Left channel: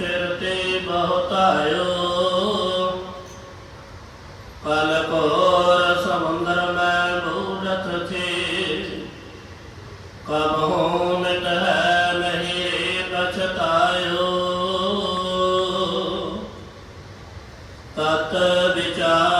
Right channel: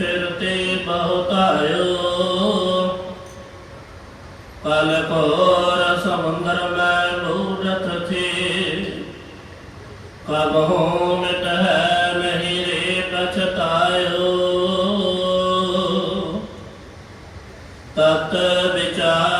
ਫਿਰ ਤੇ ਬਹੁਤਾਇਓ ਪਲ ਪੋਰ ਸਮੁੰਦਰ ਮੈਂ ਲੂਰਤ ਥੀ ਕਬਹੂਨ ਨਹਿ ਤਤ ਵਿਚਾਰ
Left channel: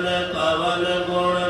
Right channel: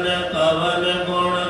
ਕਵਨ ਕਵਨ ਗੁਣ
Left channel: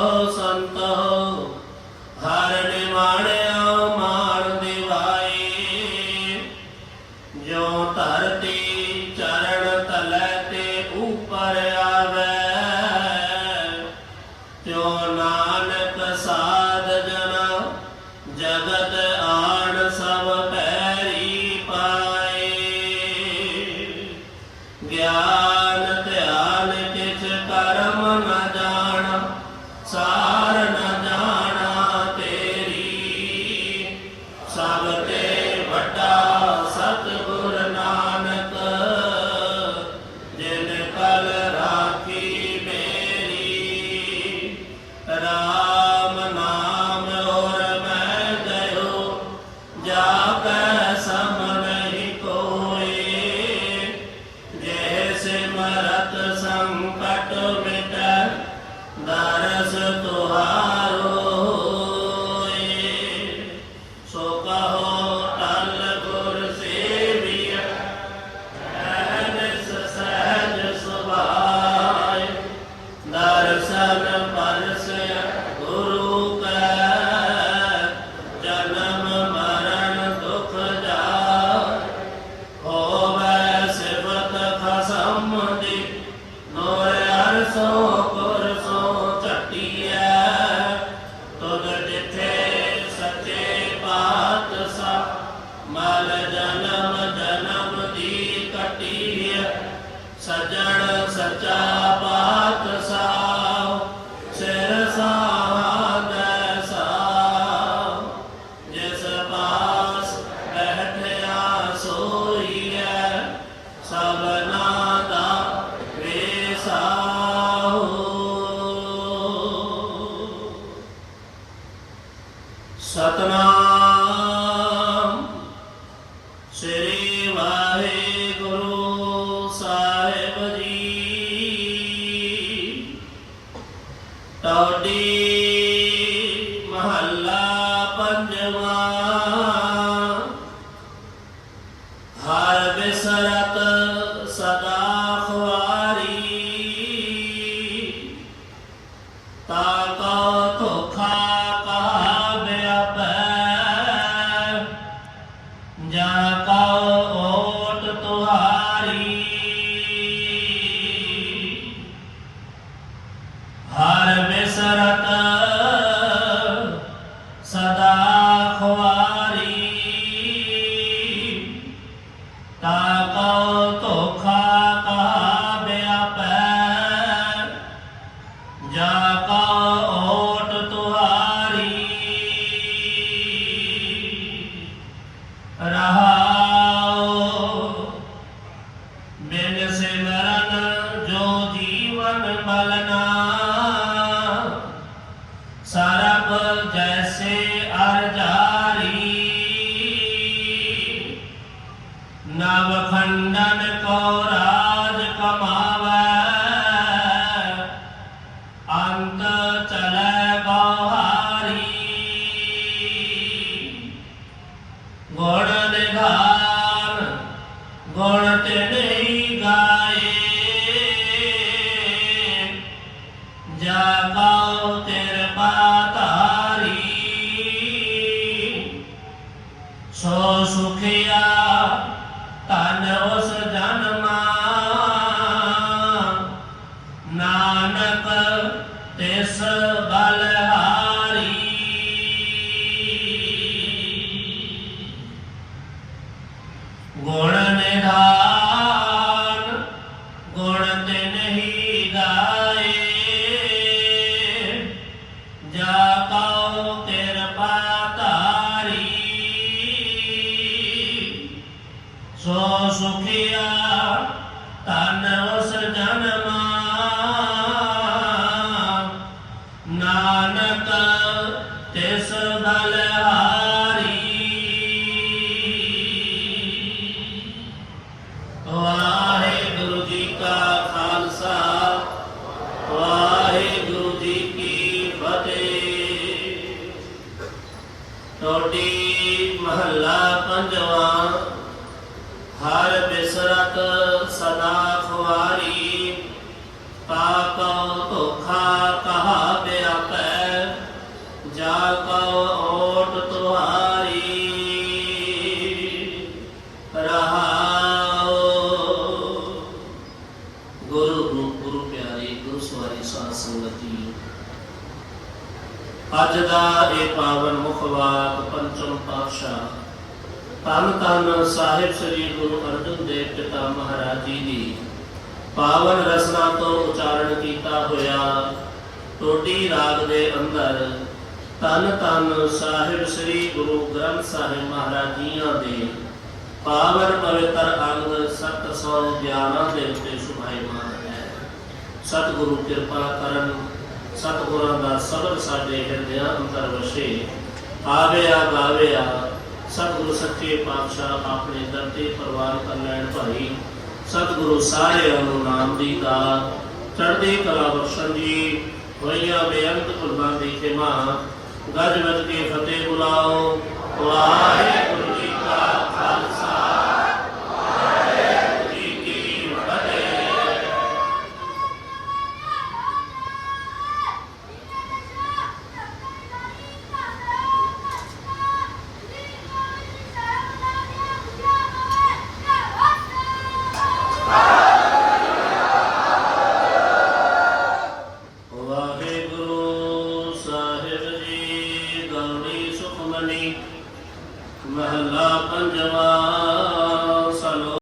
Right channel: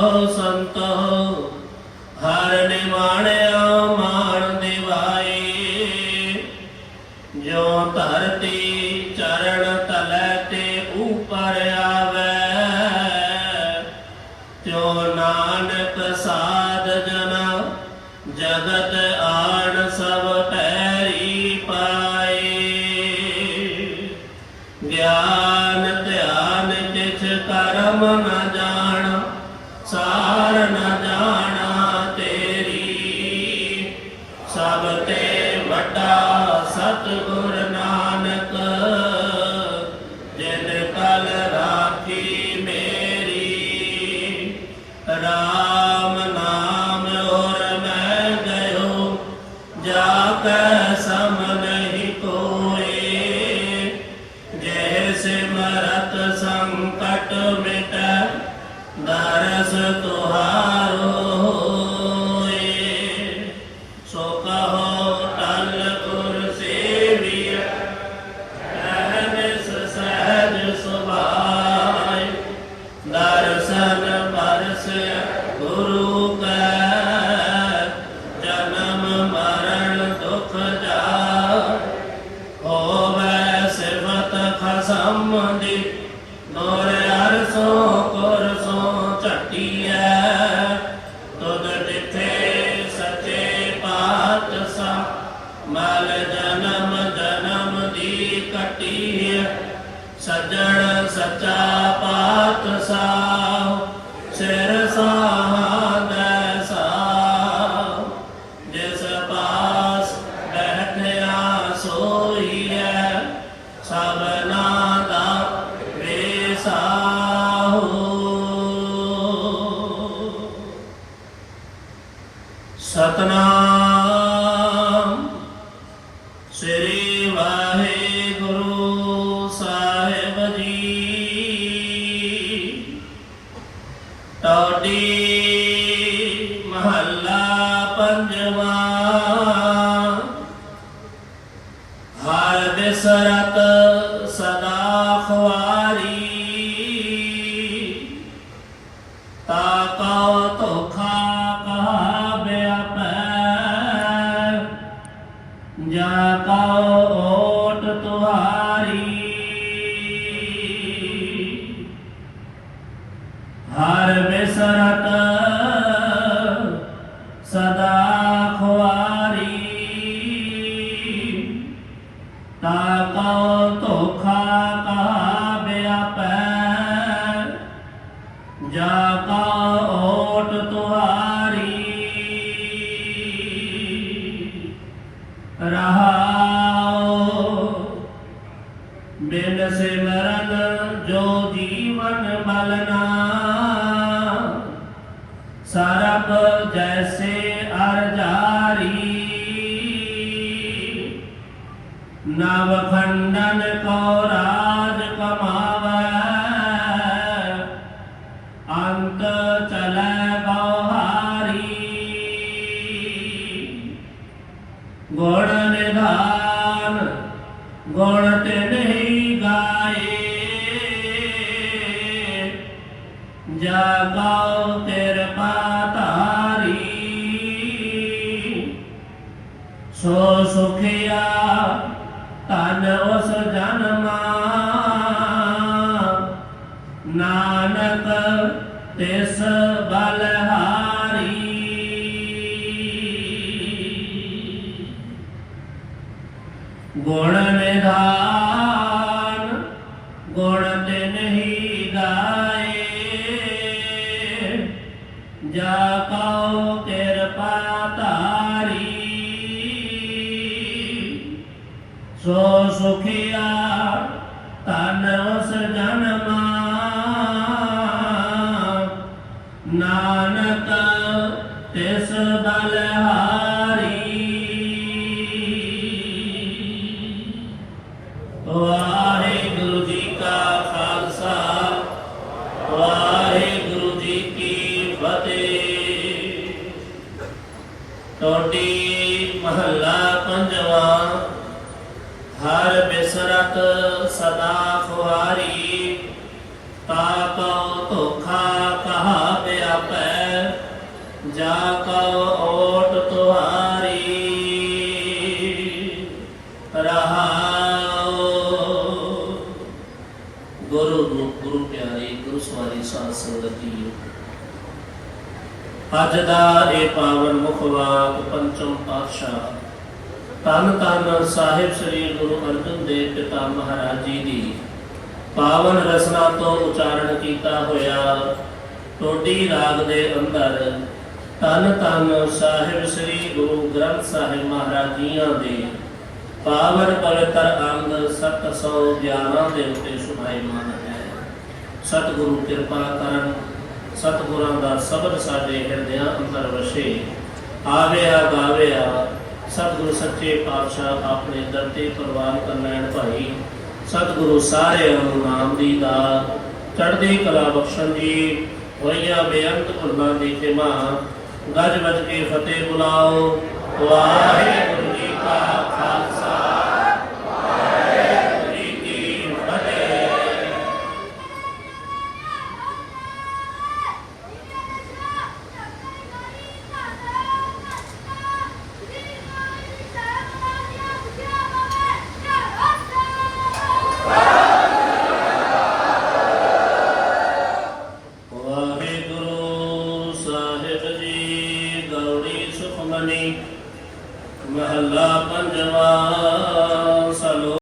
ਸੰਤੋ ਹਰ ਨਿਮਾਣੇ रत संकट मिट दरस तुहारो सो कहो ਸਤਨਾਮ। जीवन बलना सरप जैसे अर्जारी। नव खंडन को राज कमावे। अंत चल ਸੋ ਸੁਖਿਆ ਤਨ ਉਸ ਜਨਮਾ ਨਾਨਕ ਤਿਸ ਬਲਹਾਰੀ ਵਾਹ ਸਦਾ ਖੁਆਰੀ ਤਾਪ ਧੋਖਾ ਕਹਾ ਬਿਆਪੈ ਜਾ ਕਉ ਓਟ ਤੁਹਾਰੀ। ਰਹਾਉ। ਗੁਰੂ ਨੂੰ ਗੁਰੂ ਪਿਆਰੀ, ਗੁਰੂ ਸਵਾਰੀ ਸਾਧ ਸੰਗਤੀ ਅੱਜ ਦਾ ਇਹ ਪਾਵਨ ਮੁਖਵਾਕ ਪੰਚਮ ਪਾਤਸ਼ਾਹ। ਧੰਨ ਧੰਨ ਸਾਹਿਬ ਸ੍ਰੀ ਗੁਰੂ ਅਰਜਨ ਦੇਵ ਪਿਤਾ ਮਹਾਰਾਜ ਜੀ ਦੀ। ਪਾਵਨ ਰਸਨਾ ਤੋਂ ਉਚਾਰਨ ਕੀਤਾ ਹੋਇਆ ਟੋਡੀ ਰਾਗ ਦੇ ਅੰਦਰ ਧੰਨ ਧੰਨ ਸਾਹਿਬ ਸ੍ਰੀ ਗੁਰੂ ਗ੍ਰੰਥ ਸਾਹਿਬ ਮਹਾਰਾਜ ਜੀਆਂ ਦੇ ਪਾਵਨ ਪਵਿੱਤਰ ਅੰਗ 711 ਦੇ ਉੱਤੇ ਸੁਭਾਈਮਾਨ ਹੈ। ਸਤਿਗੁਰੂ ਕਿਰਪਾ ਕਰਨ, ਸਤਿਗੁਰਾਂ ਦਾ ਸਬਰ ਸਾਡੇ ਹਿਰਦਿਆਂ ਅੰਦਰ ਵਸੇ। ਆਵਿਆ ਗਾਵਿਆ, ਸਤਿਗੁਰੂ ਸੱਚੇ ਪਾਤਸ਼ਾਹ ਆਪਣੇ ਦਰ ਤੇ ਪ੍ਰਵਾਨ ਕਰਨੈਣ ਭਾਈ। ਸਤਿਗੁਰੂ ਸਾਰਿਆਂ ਨੂੰ ਨਾਮ ਦੀ ਦਾ ਚੜ੍ਹਦੀ ਕਲਾ ਬਖਸ਼ਣ ਜੀ, ਹੋਈਆ ਬੇਅੰਤ ਗੁਰਬਾਂ ਦੀ ਖਿਮਾ ਗੱਜ ਵੱਜ ਕੇ ਫਤਿਹ ਬੁਲਾਓ। ਵਾਹਿਗੁਰੂ